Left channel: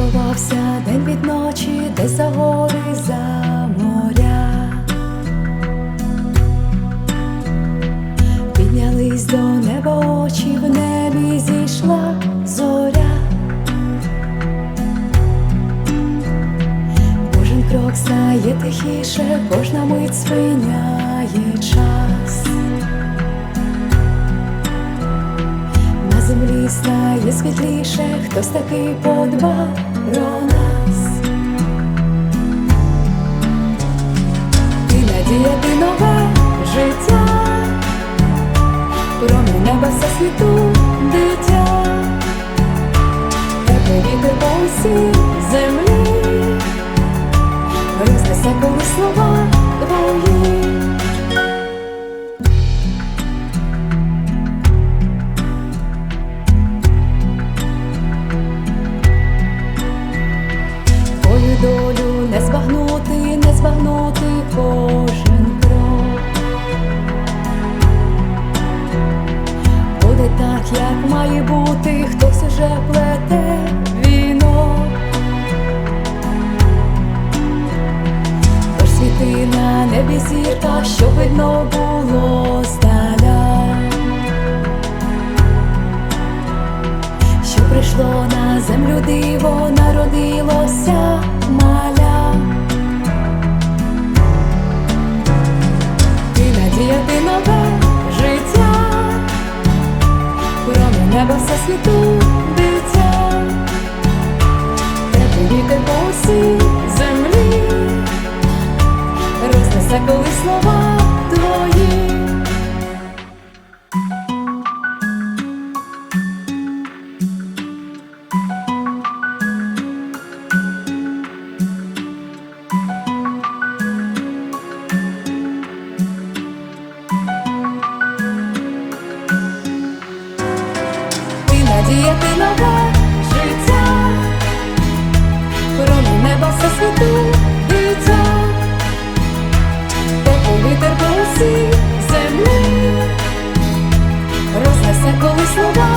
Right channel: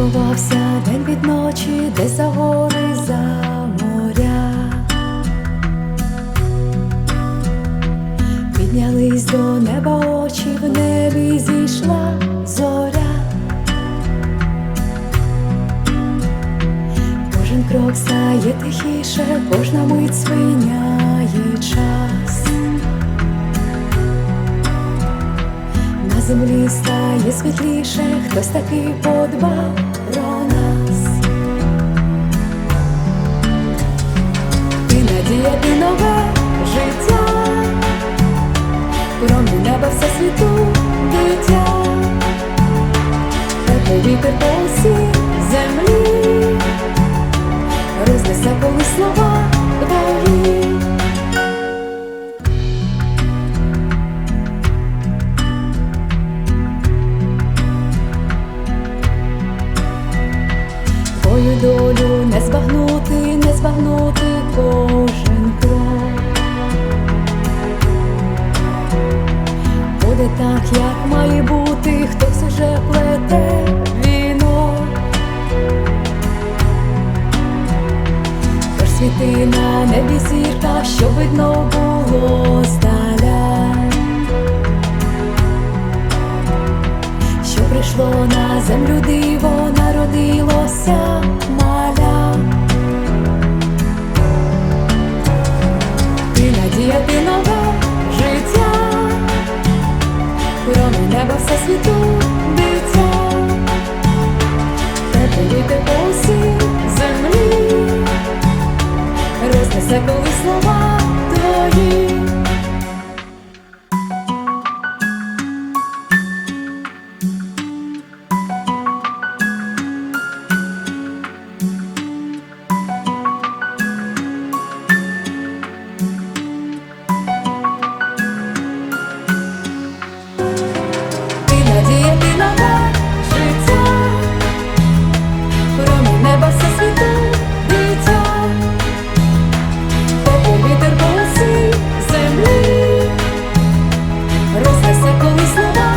ховався день від ночі, десь за гори, за моря. Піднялись до неба очі, в небі зійшла зоря. Кожен крок стає тихіше, кожна мить спиняє час. На землі стає світліше, хтось таки подбав про нас. Ти надія, ти нове життя, промінь неба все світу дитя, теплий вітер по усій землі, рознесе коли слова твої. Долю не збагнути, не збагнути кожен крок. Буде так, як має бути, хтось уже плете вінок. Тож світи на небі зірка, щоб видно було прийшло на землю диво, народилося маля. Ти надія, ти нове життя, промінь неба все світу дитя, теплий вітер по усій землі, рознесе коли слова твої. Tako mi slobodno